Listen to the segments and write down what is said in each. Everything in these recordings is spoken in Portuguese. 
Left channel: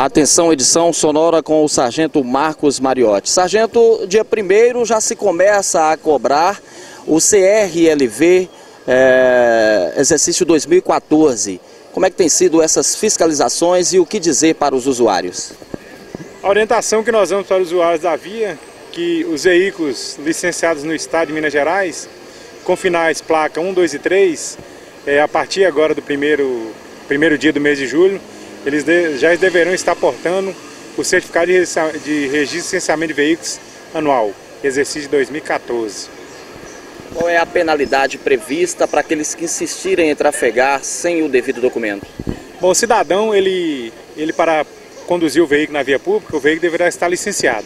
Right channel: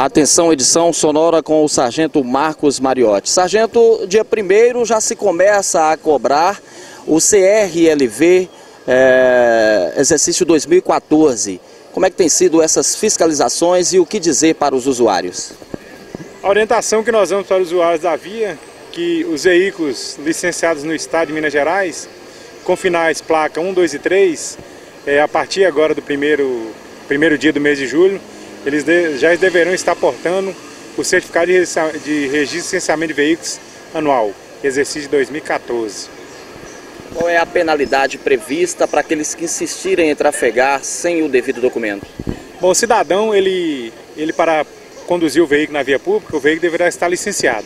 Atenção, edição sonora com o sargento Marcos Mariotti. Sargento, dia 1º já se começa a cobrar o CRLV exercício 2014. Como é que tem sido essas fiscalizações e o que dizer para os usuários? A orientação que nós damos para os usuários da via, que os veículos licenciados no estado de Minas Gerais, com finais placa 1, 2 e 3, a partir agora do primeiro dia do mês de julho, eles já deverão estar portando o certificado de registro e licenciamento de veículos anual, exercício de 2014. Qual é a penalidade prevista para aqueles que insistirem em trafegar sem o devido documento? Bom, o cidadão, ele para conduzir o veículo na via pública, o veículo deverá estar licenciado.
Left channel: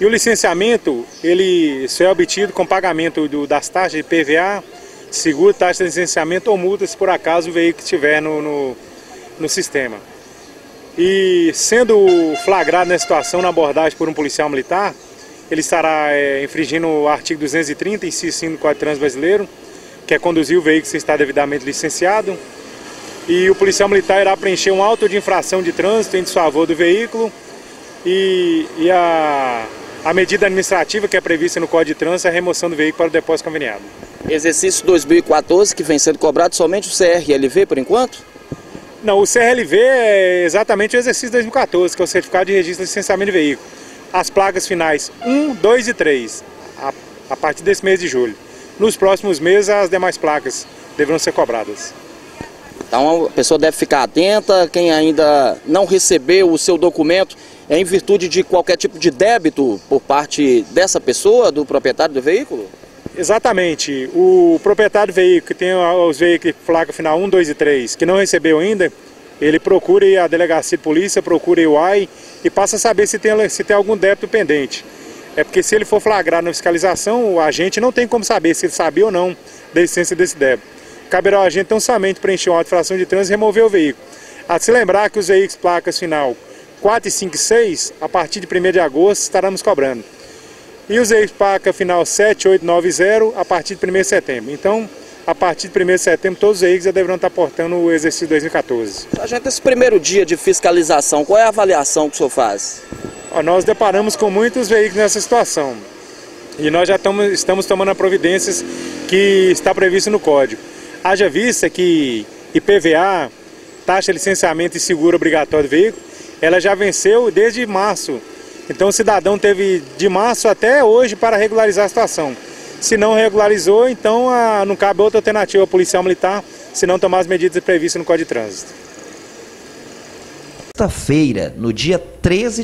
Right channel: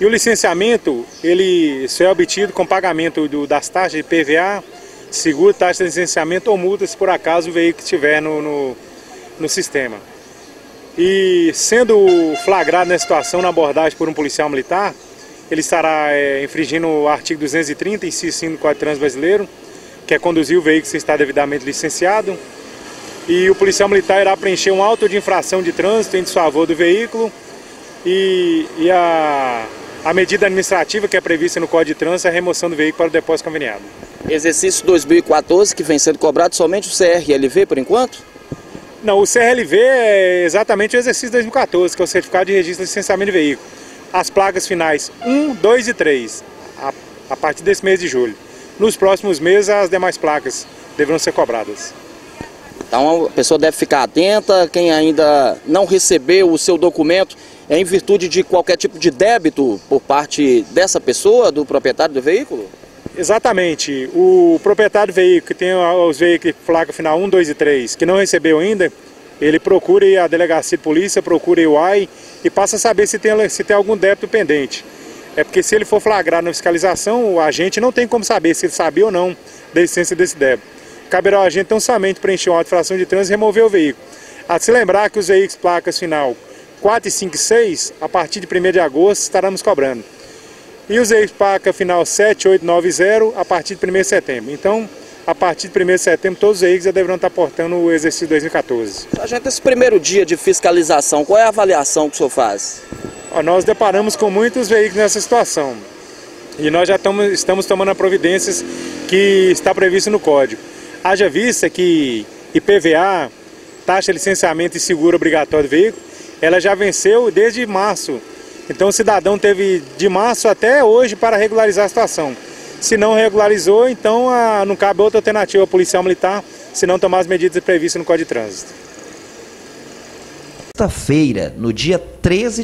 E o licenciamento, ele só é obtido com pagamento das taxas de PVA, seguro, taxa de licenciamento ou multa, se por acaso o veículo estiver no sistema. E sendo flagrado nessa situação na abordagem por um policial militar, ele estará infringindo o artigo 230, inciso 5 do Código de Trânsito Brasileiro, que é conduzir o veículo sem estar devidamente licenciado. E o policial militar irá preencher um auto de infração de trânsito em desfavor do veículo e a medida administrativa que é prevista no Código de Trânsito é a remoção do veículo para o depósito conveniado. Exercício 2014 que vem sendo cobrado somente o CRLV por enquanto? Não, o CRLV é exatamente o exercício 2014, que é o certificado de registro e licenciamento de veículo. As placas finais 1, 2 e 3, a partir desse mês de julho. Nos próximos meses, as demais placas deverão ser cobradas. Então a pessoa deve ficar atenta, quem ainda não recebeu o seu documento, é em virtude de qualquer tipo de débito por parte dessa pessoa, do proprietário do veículo? Exatamente. O proprietário do veículo, que tem os veículos placa final 1, 2 e 3, que não recebeu ainda, ele procure a delegacia de polícia, procure o UAI e passa a saber se tem algum débito pendente. É porque se ele for flagrado na fiscalização, o agente não tem como saber se ele sabia ou não da existência desse débito. Caberá ao agente tão somente preencher uma infração de trânsito e remover o veículo. A se lembrar que os veículos placas final 4, 5 e 6, a partir de 1º de agosto, estaremos cobrando. E os veículos placa final 7, 8, 9 e 0, a partir de 1º de setembro. Então, a partir de 1º de setembro, todos os veículos já deverão estar portando o exercício 2014. Sargento, esse primeiro dia de fiscalização, qual é a avaliação que o senhor faz? Nós deparamos com muitos veículos nessa situação. E nós já estamos tomando providências que está previsto no Código. Haja vista que IPVA, taxa de licenciamento e seguro obrigatório do veículo, ela já venceu desde março. Então o cidadão teve de março até hoje para regularizar a situação. Se não regularizou, então não cabe outra alternativa ao policial militar, se não tomar as medidas previstas no Código de Trânsito. Sexta-feira, no dia 13